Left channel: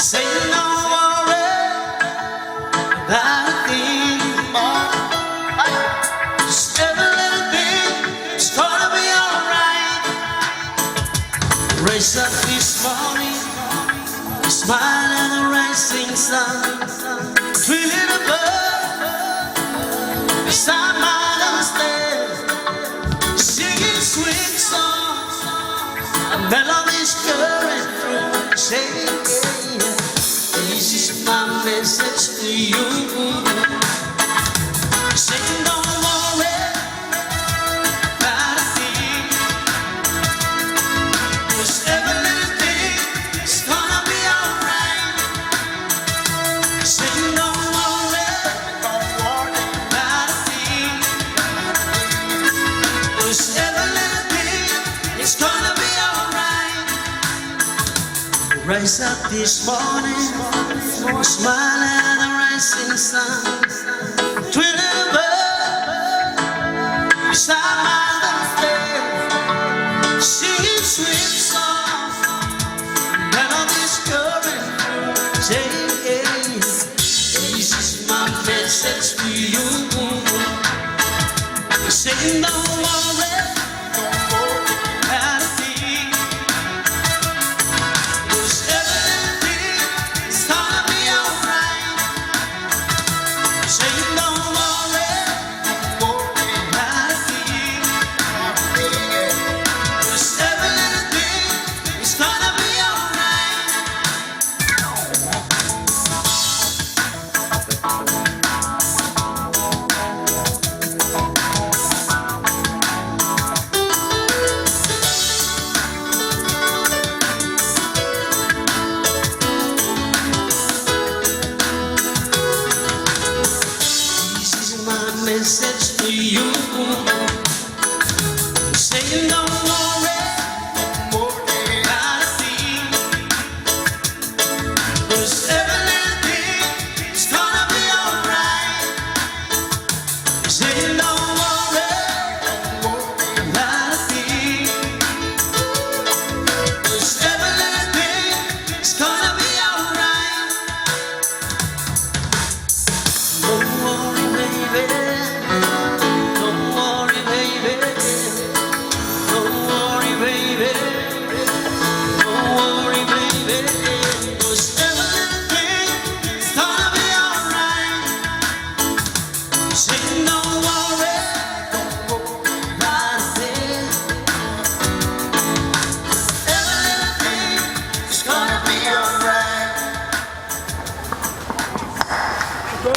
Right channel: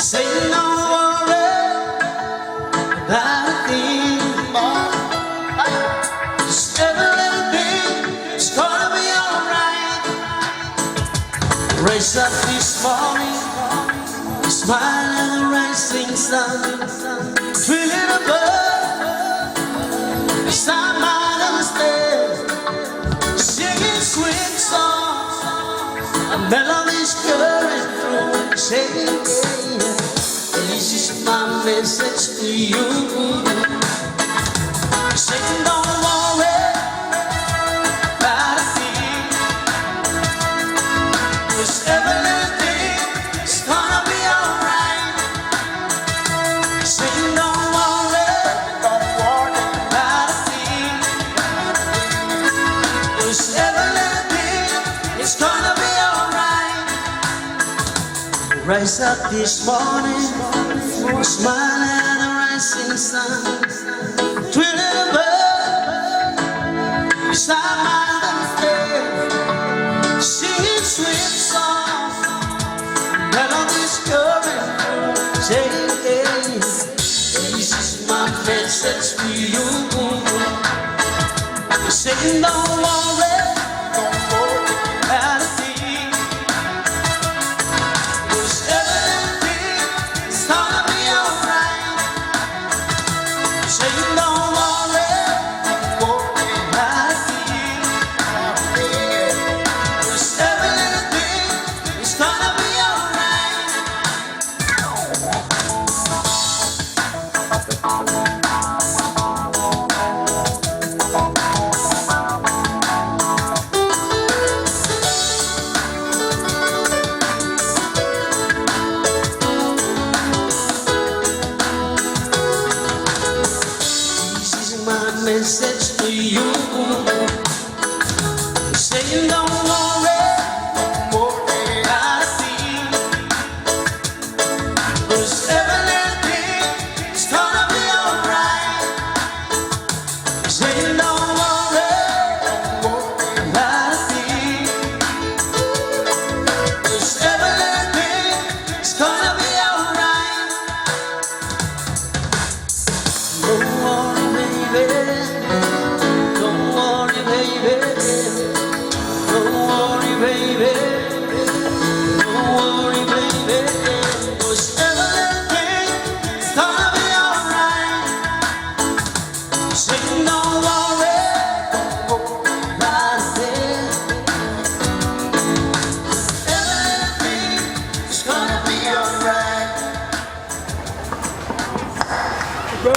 Say no worry about a thing. Just every little thing is gonna be alright. Raise up this morning, smile and a rising sun. Feeling a bird beside my downstairs, singing sweet songs, melodies current through, saying, this is my message to you. Saying don't worry about a thing, 'cause every little thing is gonna be alright. Saying don't worry about a thing, 'cause every little thing is gonna be alright. Rise up this morning, smile at the rising sun. Twin little bird beside my downstairs, singing sweet songs, melodies coming through, saying, this is my message to you. Saying don't worry about a thing, 'cause everything is gonna be alright. Saying don't worry about a thing, 'cause everything is gonna be alright. This is my message to you. Saying don't worry about a thing, 'cause everything is gonna be alright. Saying don't worry about a thing, 'cause everything is gonna be alright. Don't worry, baby. Don't worry, baby. Don't worry, baby. Don't worry, baby. 'Cause everything is gonna be alright. Saying don't worry about a thing. Everything is gonna be alright. Go.